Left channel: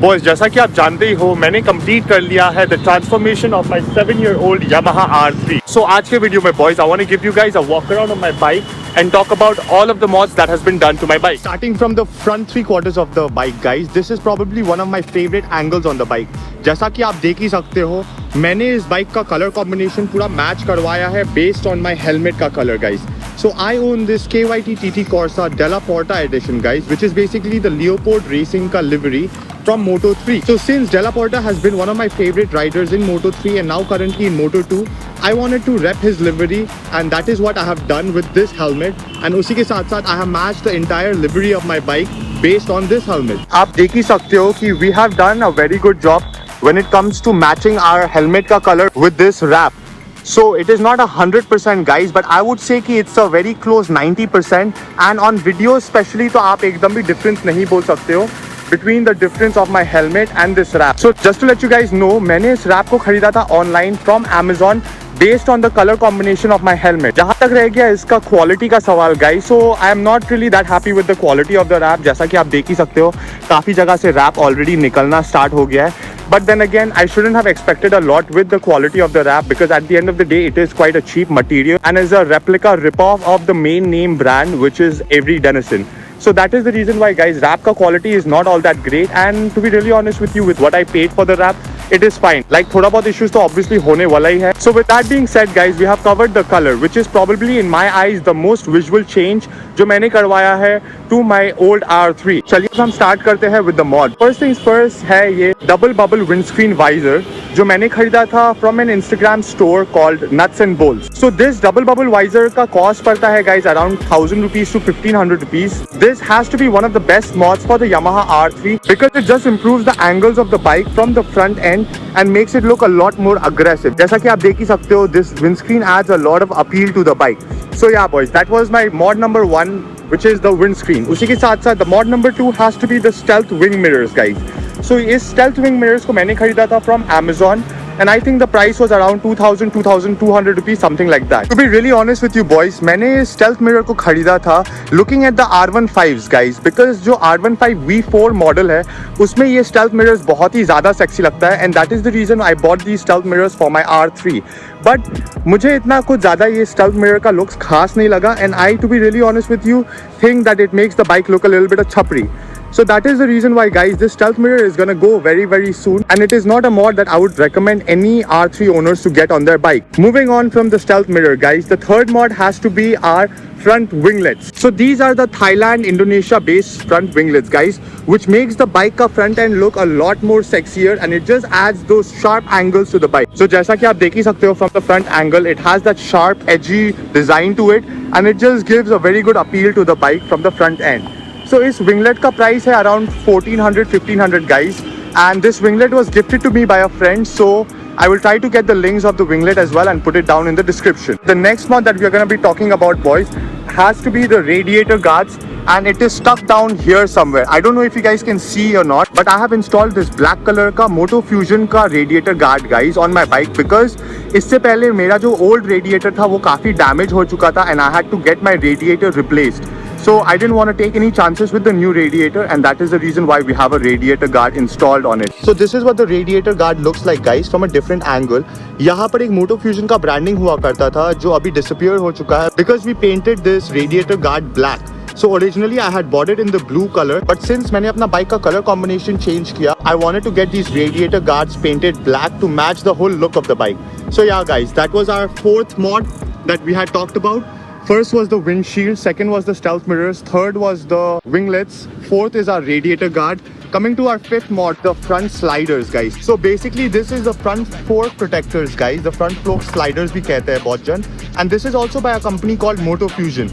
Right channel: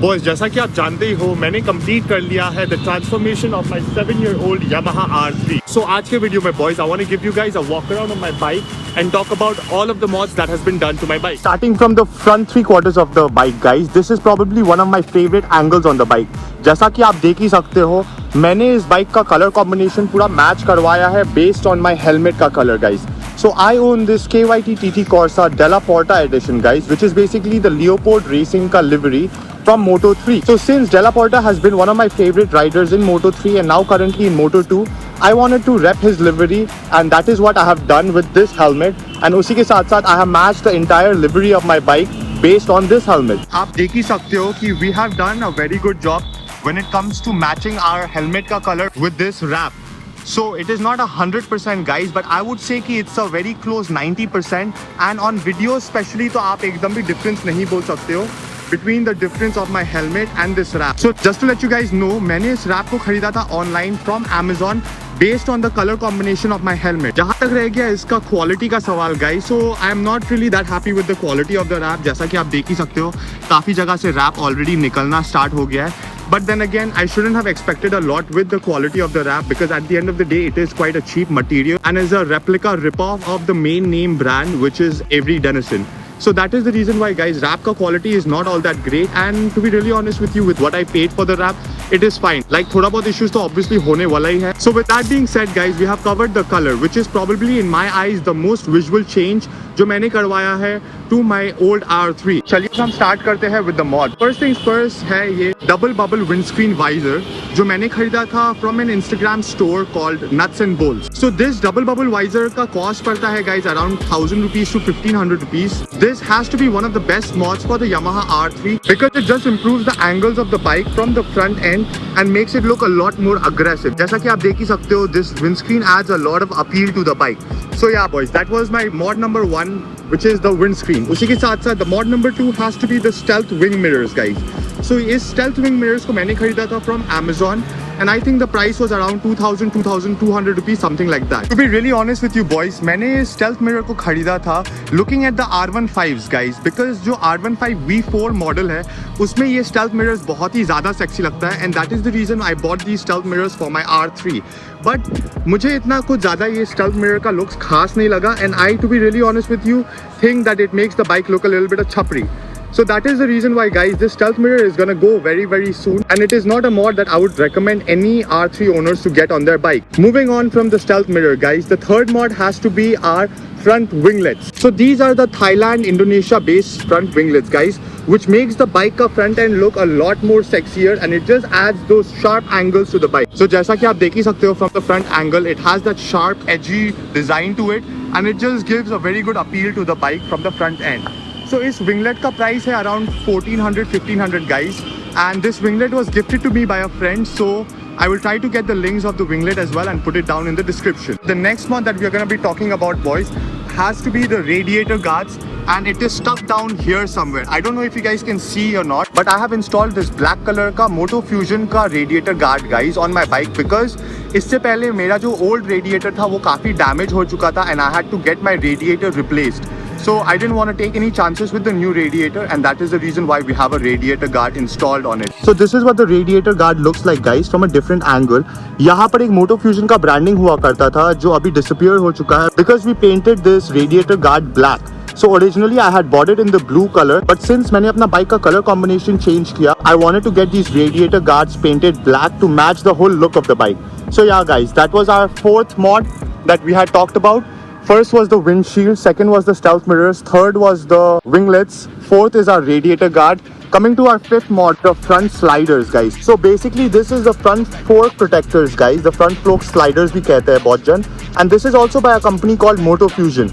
Boys जैसा कि आप जानते ही हो मैंने कंप्लीट कर लिया है the transformation of my 7-year-old Yamaha R3. So आज के वीडियो में boys I want to give you guys a walk around on my bike and talk about all of the mods that has been done to my bike. Starting from the front 3/4 of the bike guys, this is probably one of my favorite angles on the bike. जैसा कि आप देख ही सकते हो मैंने इस bike का colour combination पूरा मैच करवाया है बेस्ड ऑन माय हेलमेट का colour guys. So I own this KYT TT Corsa Della Porta edition guys, which is basically the Leopard Racing ka livery from Moto3. So since Della Porta has been one of my favorite riders in Moto3 and now currently in Moto2, I wanted to rep his livery and that is what I have done with this helmet. And उसी के साथ साथ I have matched the entire livery of my bike based on this helmet. आप देख ही सकते हो कि we have done a very good job when it comes to matching our helmet का color with this wrap. So it is not 100% guys, but I would say कि it's a very close 90%. And on video especially तो आप एकदम भी difference नहीं बोल सकते हो between the difference of my helmet and this wrap. So just to let you guys know, मैंने इस wrap को खरीदा था online from Amazon based on the color combination of my helmet. जहाँ तक रह गया इसका quality का सवाल guys, so I am not really that happy with the quality of the wrap. जैसा कि आप देख ही सकते हो काफ़ी जगह से wrap already निकलना start हो गया है. But then again, I shouldn't have expected a lot with the quality of the wrap because at the end of the day, it is quite a cheap material and is a replica ripoff of the main name brand, which is Avery Dennison. So that is the reason why guys, wrap ka quality is not all that great. And to be really honest with you, with what I paid for the wrap, it is fine. Like thoda bahut issues to obviously hone wala hi hai. So with that being said guys, we have covered the color, which is probably in my eyes the most visual change जो मैंने करवाया है to my old R3. चलिए हम start करते हैं with the mod. First things first है ये double bubble windscreen visor जो मैंने खरीदा था from an Instagram store called Nuts and Bolts. So this double bubble visor का cost पड़ता है guys around 1000 rupees to 1500 rupees. This has to be one of the best mods for the Yamaha R3 because it just improves the angles of the bike from the front end and makes it look a lot more aggressive. जैसा कि आप देख ही सकते हो, this windscreen adds a lot of appeal to the bike. So yeah boys, that was my mod number 1, which is the windscreen. उसी के साथ साथ the mod number 2 has to be the stealth wing mirrors guys. So इस stealth wing mirrors को मैंने खरीदा था from Amazon and I think the price was around 2200 rupees, something like that. To be really honest with you boys, मैंने इस stealth mirror को खरीदा था looking at the R15s guys, because जो R15 V4 model है उसमें ये stealth mirrors बहुत ही ज़्यादा sexy लगता है and that is the reason I bought these stealth mirrors for my R3. But मुझे इतना कुछ ज़्यादा ये stealth mirror का looks खास नहीं लगा and I, to be really honest with you, think that it makes the bike look a little bit of chapri. So that is the reason why guys, this stealth mirror is gonna go very soon and it is not a mod that I would recommend any R3 owners to get on their bike. Moving on from the stealth mirror guys, the third mod has to be our front winglets. So these are the Thailand, Indonesia based front winglets guys, which makes the bike ka front end look a lot more sexier and it just adds those sharp angles to the bike. So जैसा कि आप देख ही सकते हो from the front angle, it has that sharp edgy design to it and it just gives a very good appeal to the bike from the front end. So इस winglet का price है around 1400-1500 guys and this winglet was gifted to me by a friend, so I will try to get the links of the winglet as well and put it down in the description. The next mod that we are going to be talking about boys has to be the radiator guards and it is stuck down here somewhere. I don't know if you guys can see or not, but I have installed this black color का Moto Fusion का radiator guard guys on my bike because इससे पहले मेरा जो old radiator था वो काफ़ी damage हो चुका था and I had to get my radiator replaced. So I didn't want to take any chances with the new radiator and that is the reason why we have a radiator guard installed on it. So this is what the radiator guard looks like guys from a different angle. यहाँ पर एक Moto Fusion का branding हुआ करता था जो अभी disappear हो चुका है because we painted this radiator guard black. So originally I had bought it in the blue color, but since मैंने अपना bike का color combination change किया, I wanted to get these radiator guards painted black to match the whole look of the bike. So yeah guys, that was our fourth mod that we had talked about. First was the windshield, second was the stealth mirrors, third was the winglets, fourth is our radiator guard. Coming to our fifth mod, the front sliders guys. So basically this is the front fork protectors guys, the front fork sliders भी कहते हैं बहुत जन, and this is also by a company called Moto Fusion.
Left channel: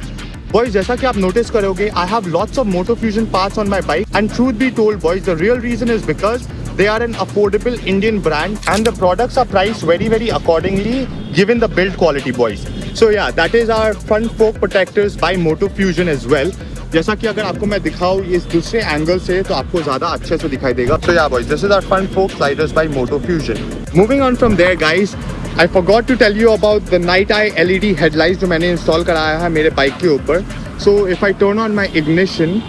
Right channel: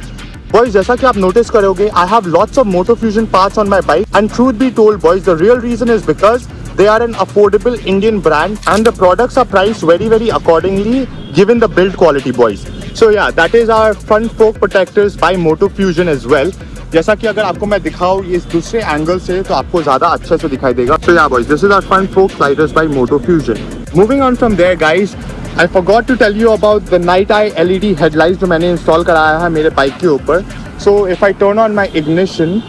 Boys, जैसा कि आप notice करोगे, I have lots of Moto Fusion parts on my bike and truth be told boys, the real reason is because they are an affordable Indian brand and the products are priced very accordingly given the build quality boys. So yeah, that is our front fork protectors by Moto Fusion as well. जैसा कि अगर आपको मैं दिखाऊं इस दूसरे angle से तो आपको ज़्यादा अच्छे से दिखाई देगा. So yeah boys, this is our front fork sliders by Moto Fusion. Moving on from there guys, I forgot to tell you about the night eye LED headlights जो मैंने इंस्टॉल कराया है मेरे बाइक के ऊपर. So if I turn on my ignition,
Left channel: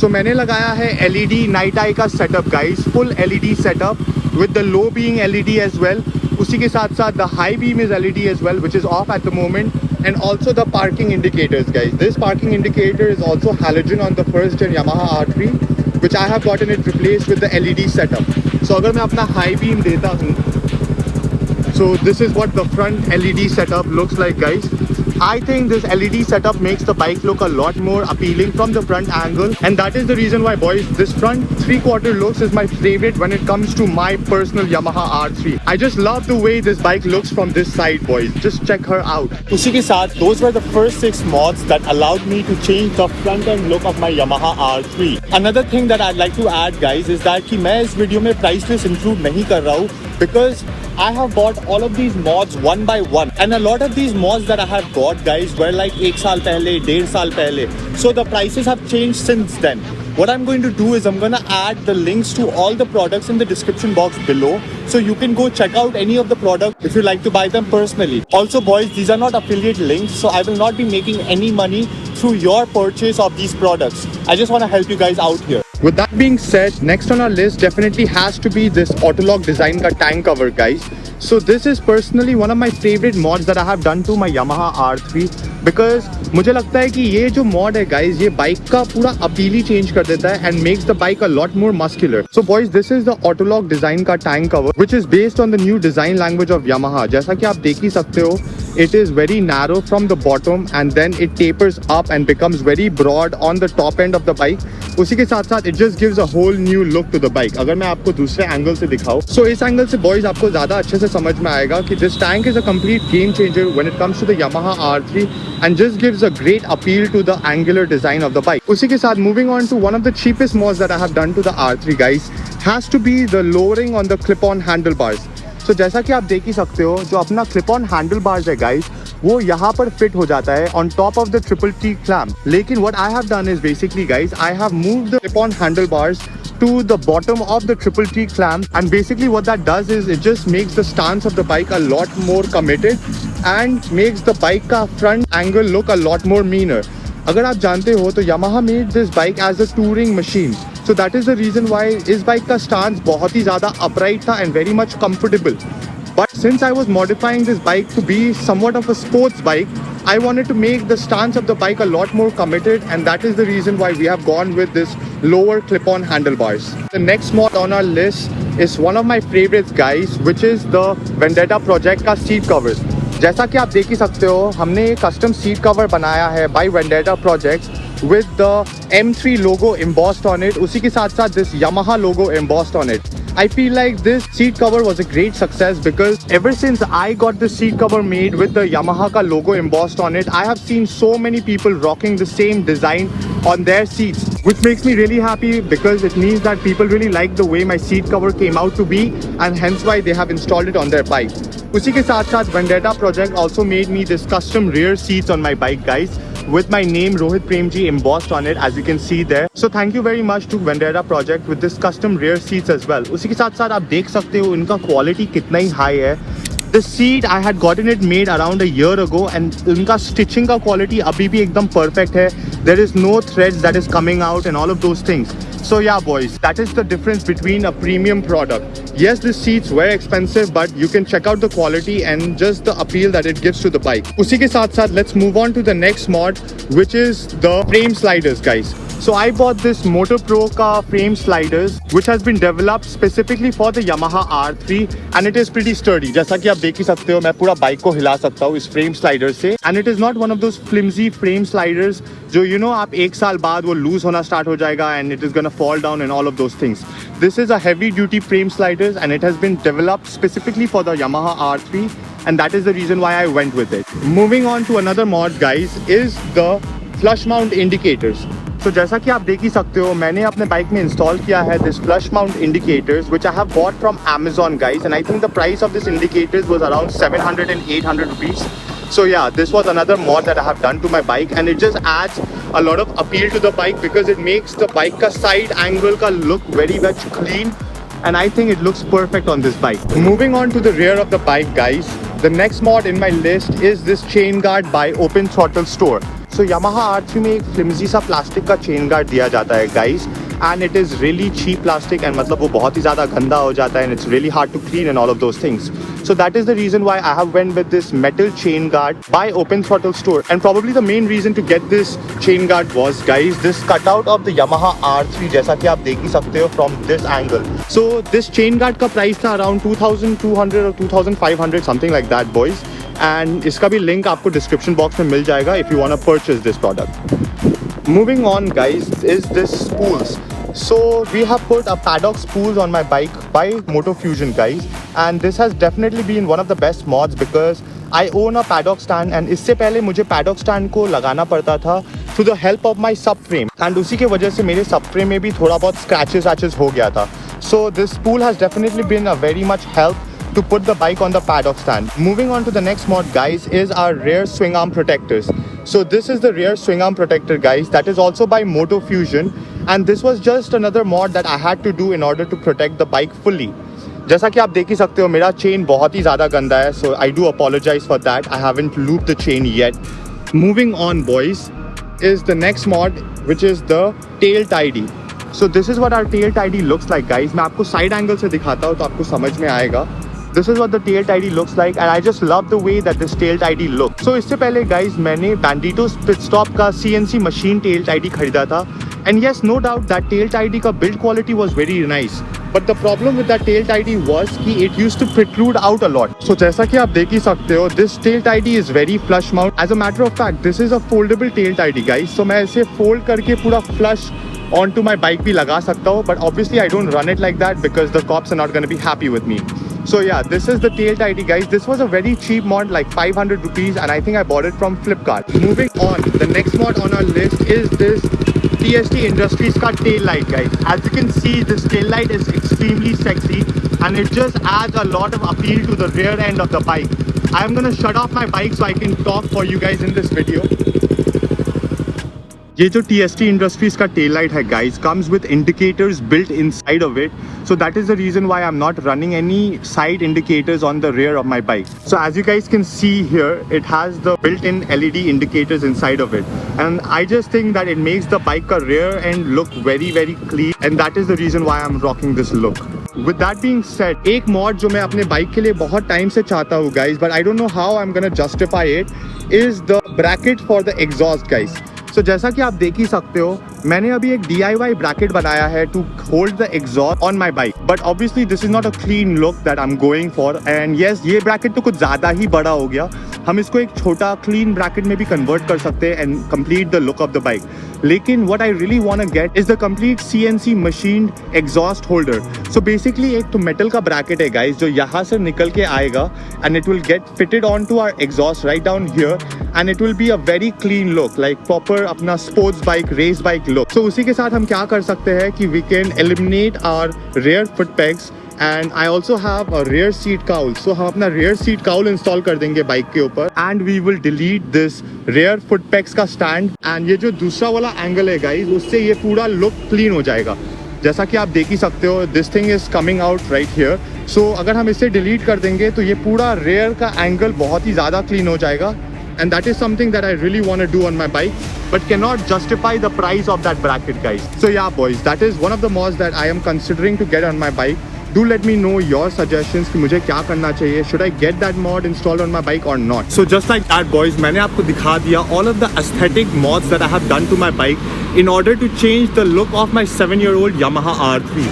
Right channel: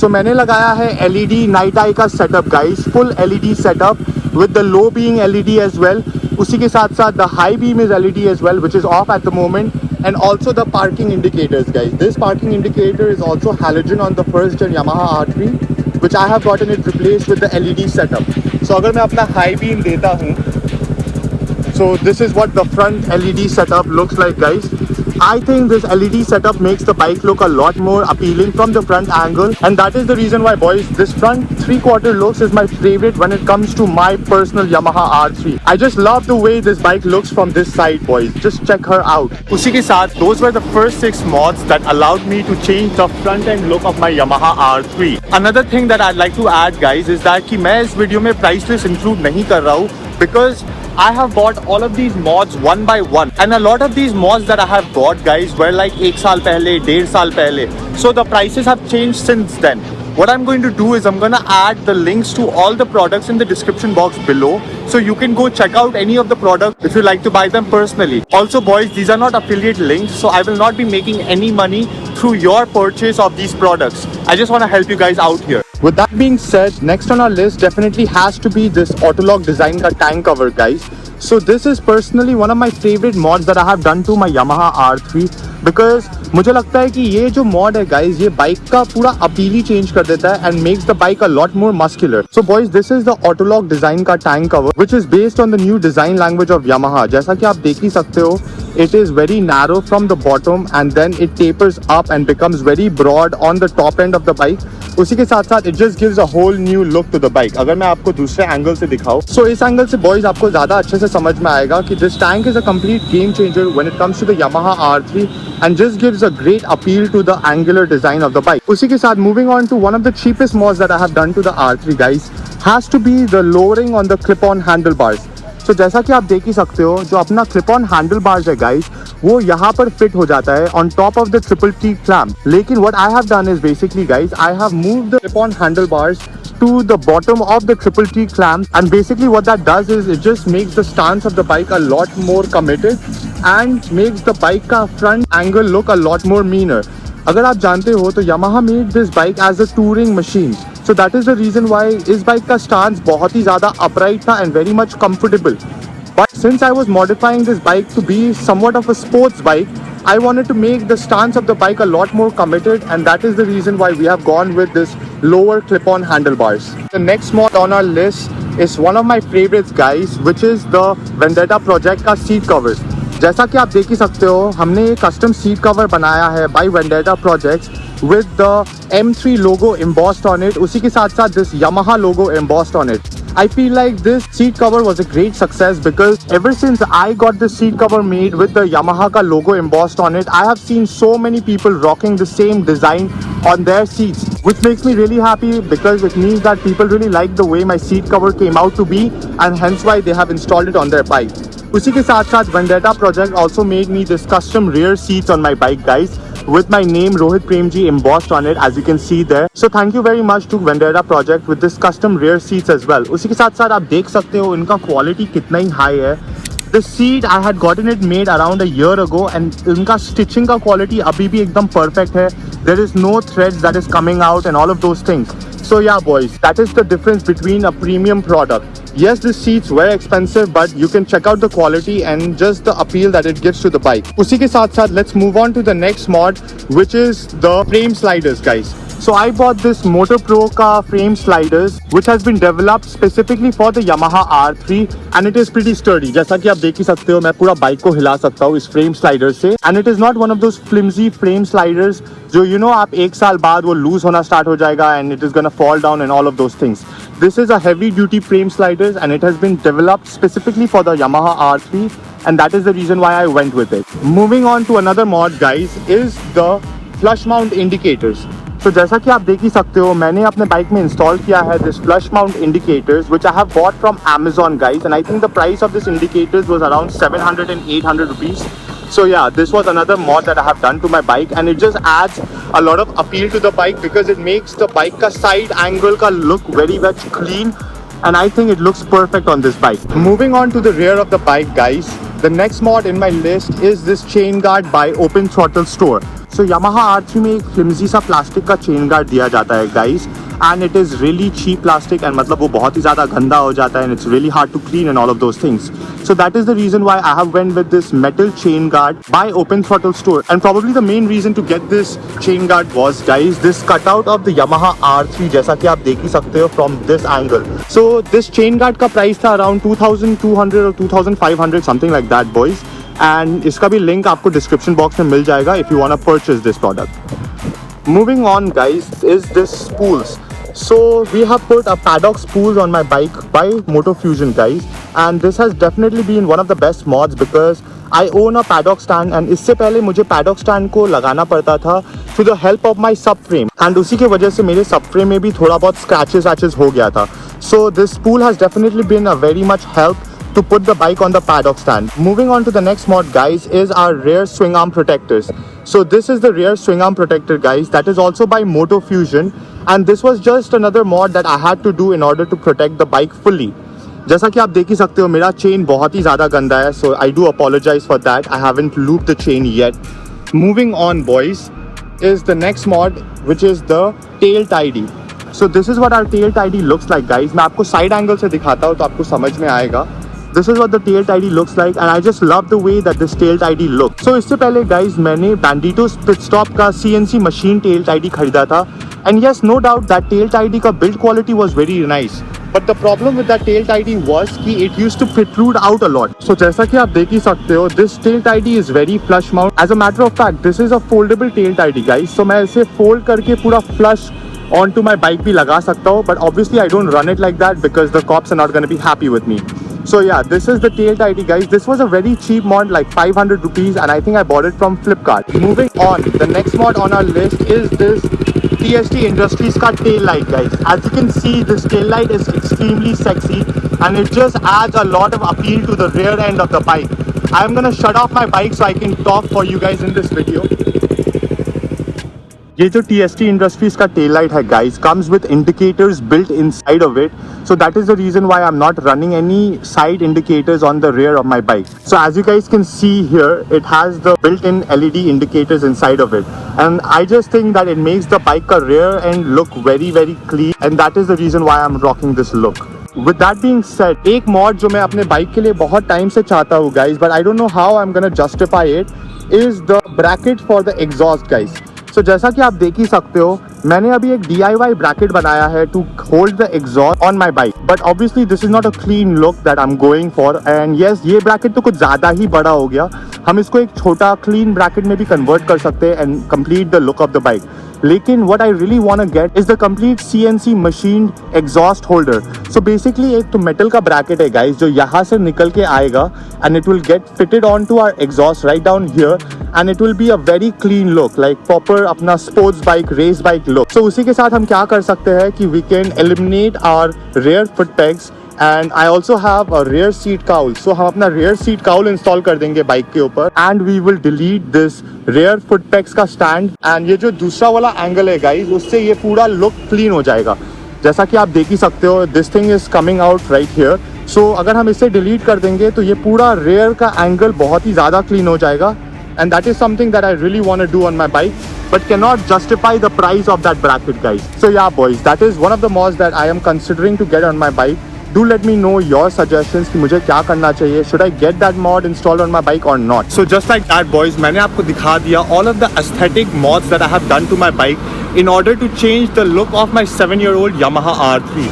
So मैंने लगाया है LED नाइट आई का setup guys, full LED setup with the low being LED as well. उसी के साथ साथ the high beam is LED as well, which is off at the moment, and also the parking indicators guys. This parking indicator is also halogen on the first gen Yamaha R3, which I have gotten it replaced with the LED setup. So अगर मैं अपना high beam देता हूँ, so this is what the front LED setup looks like guys. I think this LED setup makes the bike look a lot more appealing from the front angle, and that is the reason why boys, this front 3/4 looks is my favorite when it comes to my personal Yamaha R3. I just love the way this bike looks from this side boys. Just check her out. उसी के साथ those were the first 6 mods that allowed me to change the front end look of my Yamaha R3. Another thing that I'd like to add guys is that कि मैं इस video में price list include नहीं कर रहा हूँ because I have bought all of these mods one by one, and a lot of these mods that I have bought guys were like 1 साल पहले, 1.5 साल पहले, so the prices have changed since then. What I'm going to do is I'm going to add the links to all the products in the description box below, so you can go check out any of the products if you like to buy them personally. Also boys, these are not affiliate links, so I will not be making any money through your purchase of these products. I just want to help you guys out here. With that being said, next on our list definitely has to be this Autolog design ka tank cover guys. So this is personally one of my favorite mods that I have done to my Yamaha R3, because मुझे लगता है कि ये जो mod है guys, ये bike का पूरा अपील ही चेंज कर देता है and makes the bike a lot more muscular. So boys, this is the Autolog design का tank cover, which is based on the new design language of Yamaha. जैसा कि आप देख ही सकते हो, it is very narrow from the bottom and then it tapers up and becomes very broad on the top end of the bike. उसी के साथ साथ it just gives a whole new look to the bike. अगर मैं आपको दूसरे angle से दिखाऊं, so इस एंगल से boys आपको ज़्यादा अच्छे से समझ में आएगा कि this tank is a complete game changer when it comes to the Yamaha R3 and just gives a great appeal to the angular design of the bike. उसी के साथ moving on to one of the cheapest mods that I have done to the R3 guys has to be the lowering on the clip-on handlebars. So जैसा कि आप देख ही सकते हो, जो अपना clip on handlebars है guys, वो यहाँ पर fit हो जाता है on top of the triple T clamp. लेकिन what I have done is basically guys, I have moved the clip on handlebars to the bottom of the triple T clamp, and basically what that does is it just makes the stance of the bike a lot more committed and makes the bike का front angle look a lot more meaner. अगर आप जानते हो तो Yamaha made this bike as a touring machine, so that is the reason why इस bike का stance बहुत ही ज़्यादा upright था and very much comfortable. But since I was modifying this bike to be somewhat of a sports bike, I wanted to make the stance of the bike a lot more committed, and that is the reason why we have gone with this lower clip-on handlebars. The next mod on our list is one of my favorites guys, which is the Vendetta Project का seat covers. जैसा कि आप देख ही सकते हो, हमने एक custom seat cover बनाया है by Vendetta Project with the M3 logo embossed on it. उसी के साथ साथ this Yamaha logo embossed on it. I feel like this seat cover was a great success because ever since I got the seat cover made with the Yamaha ka logo embossed on it, I have seen so many people rocking the same design on their seats, which makes me really happy because it means that people really like the way my seat cover came out to be, and hence why they have installed it on their bike. उसी के साथ साथ Vendetta Project also made me this custom rear seats on my bike guys, with my name Rohit Premji embossed on it, as you can see there. So thank you very much to Vendetta Project with this custom rear seats as well. उसी के साथ साथ आप देख सकते हो इनका quality कितना ही हाई है. The seat I had gotten it made around a year ago, and इनका stitching का quality अभी भी एकदम perfect है. There is no thread that is coming out and all of those things. So yeah boys, that is the difference between a premium product. Yes, the seats were expensive, but you can check out the quality and just the appeal that it gives to the bike. उसी के साथ साथ let's move on to the next mod, which is the frame sliders guys. So I bought this Motor Pro ka frame sliders, which has been developed specifically for the Yamaha R3, and it is pretty sturdy. जैसा कि आप देख ही सकते हो, मैं पूरा bike को हिला सकता हूँ इस frame slider से, and it is not one of those flimsy frame sliders जो you know आप 1 साल बाद वो lose होना start हो जाएगा and it is gonna fall down and all of those things. This is a heavy duty frame sliders and it has been developed specifically for the Yamaha R3, and that is the reason why I went with it. Moving on to another mod guys is the flush mount indicators. So जैसा कि आप देख ही सकते हो, मैंने अपने bike में install किया है this flush mount indicators, which I have bought from Amazon guys, and I think the price of this indicators was around 700 and 800 rupees. So yeah, this was another mod that I have done to my bike, and it just adds a lot of appeal to the bike because it makes the bike ka side angle ka look very much clean, and I think it looks perfect on this bike. Moving on to the rear of the bike guys, the next mod in my list is this chain guard by Open Throttle Store. So Yamaha R3 में एक flimsy सा plastic का chain guard दिया जाता है guys, and it is really cheap plastic, and मतलब वो बहुत ही ज़्यादा गंदा हो जाता है, and it's really hard to clean and all of those things. So that is the reason why I have went with this metal chain guard by Open Throttle store, and probably the main reason to get this chain guard was guys this cutout of the Yamaha R3 जैसा कि आप देख ही सकते हो from this angle. So this chain guard का price था around 2200 or 2500 something like that boys, and इसका भी link आपको description box में मिल जाएगा if you wanna purchase this product. Moving on guys is this spools. So we have put a paddock spools on my bike by Moto Fusion guys, and this has definitely been one of the best mods because I own a paddock stand, and इससे पहले मुझे paddock stand को लगाना पड़ता था through the help of my subframe, and उसी की वजह से मेरे subframe में भी थोड़ा बहुत scratches हो गया था. So this spool has definitely been a very much help to put the bike on the paddock stand. Moving on to the next mod guys is our rear swing arm protectors. So this is the rear swing arm protector guys, that is also by Moto Fusion, and this was just another mod that I had to do in order to protect the bike fully. जैसा कि आप देख ही सकते हो मेरा chain बहुत ही ज़्यादा गंदा है, so I do apologize for that. I haven't looped the chain yet. Moving on boys is the next mod, which is the tail tidy. So this is what our tail tidy looks like guys. मैं आपको side angle से दिखाता हूँ तो आपको समझ में आएगा. This is what the tail tidy looks like, and I just love the way that this tail tidy looks. So इससे पहले guys मैंने Bandito Pit Stop का CNC machine tail tidy खरीदा था, and yes no doubt that tail tidy का build quality was very nice. But the problem with that tail tidy was कि it used to protrude out a lot. So जैसा कि आप देख ही सकते हो, this tail tidy is very flush mount. As a matter of fact, this is a foldable tail tidy guys. So मैं इसे fold करके पूरा flush onto my bike भी लगा सकता हूँ, but obviously I don't run it like that because the cops are not going to be happy with me. So yeah, this is the tail tidy guys. This was a very cheap mod, like 500 rupees, and I think I bought it from Flipkart. Moving on, the next mod on our list is this TST Industries ka tail light guys. As you can see, this tail light is extremely sexy, and it just adds a lot of appeal to the rear end of the bike. I'm gonna shut off my bike so I can talk for you guys in this video. ये जो TST Industries का tail light है guys comes with indicators built inside of it, so that is the reason why I'm not running any side indicators on the rear of my bike. So as you guys can see here, it has the built-in LED indicators inside of it, and I just think that it makes the bike ka rear end look very clean, and that is the reason why I'm rocking this look. With that being said, एक mod जो मैं अपने bike के लिए बहुत time से चाहता हूँ guys, but I don't know how I'm gonna justify it, is the bracket for the exhaust guys. So जैसा कि आप देख ही सकते हो, मैंने अभी एक DIY bracket बनाया है to hold the exhaust on my bike, but obviously this is not a clean look that I'm going for, and yes ये bracket तो कुछ ज़्यादा ही बड़ा हो गया. हम इसको एक छोटा clean bracket में भी convert कर सकते हैं and complete the look of the bike. लेकिन what I really want to get is the complete CNC machined exhaust holder. So basically एक तो metal का bracket है guys जो यहाँ से निकल के आएगा, and it will get fitted onto our exhaust right down here, and it will be a very clean look, like proper अपना sports bike, race bike look. So उसी के साथ हम क्या कर सकते हैं कि we can eliminate our rear foot pegs, and I also have a rear seat cowl. So हम अपना rear seat cowl install कर देंगे बाइक के ऊपर, and we will delete this rear foot pegs का stand, and ये जो दूसरा वाला एंगल है गाइस उससे ये पूरा लुक क्लीन हो जाएगा. जैसा कि आप देख ही सकते हो, this thing is coming out right here. So अगर हम इसे डिलीट कर देंगे तो ये पूरा rear का एंगल बहुत ही ज़्यादा क्लीन हो जाएगा, and that is something that I really want to do on my bike, but cannot justify the price of that bracket guys. So yeah boys, that is one of the mods that I am considering to get on my bike. Do let me know your suggestions कि मुझे क्या करना चाहिए. Should I get that mod installed on my bike or not? So just like that boys, मैंने आपको दिखा दिया all of the aesthetic mods that I have done to my bike in order to change the look of my 7-year-old Yamaha R3.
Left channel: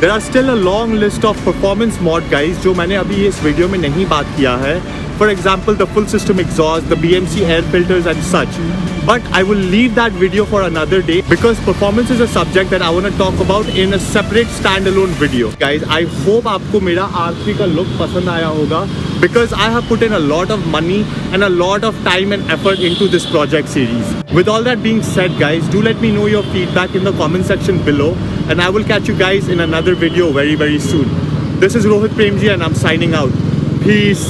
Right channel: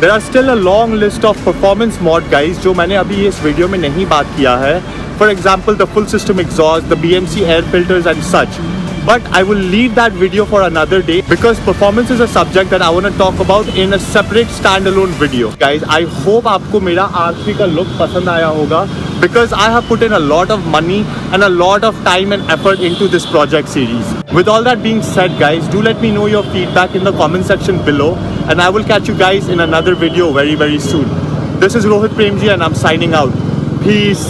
There are still a long list of performance mod guys जो मैंने अभी इस video में नहीं बात किया है. For example, the full system exhaust, the BMC air filters and such. But I will leave that video for another day because performance is a subject that I want to talk about in a separate standalone video. Guys, I hope आपको मेरा R3 का look पसंद आया होगा because I have put in a lot of money and a lot of time and effort into this project series. With all that being said guys, do let me know your feedback in the comment section below, and I will catch you guys in another video very soon. This is Rohit Premji and I'm signing out. Peace.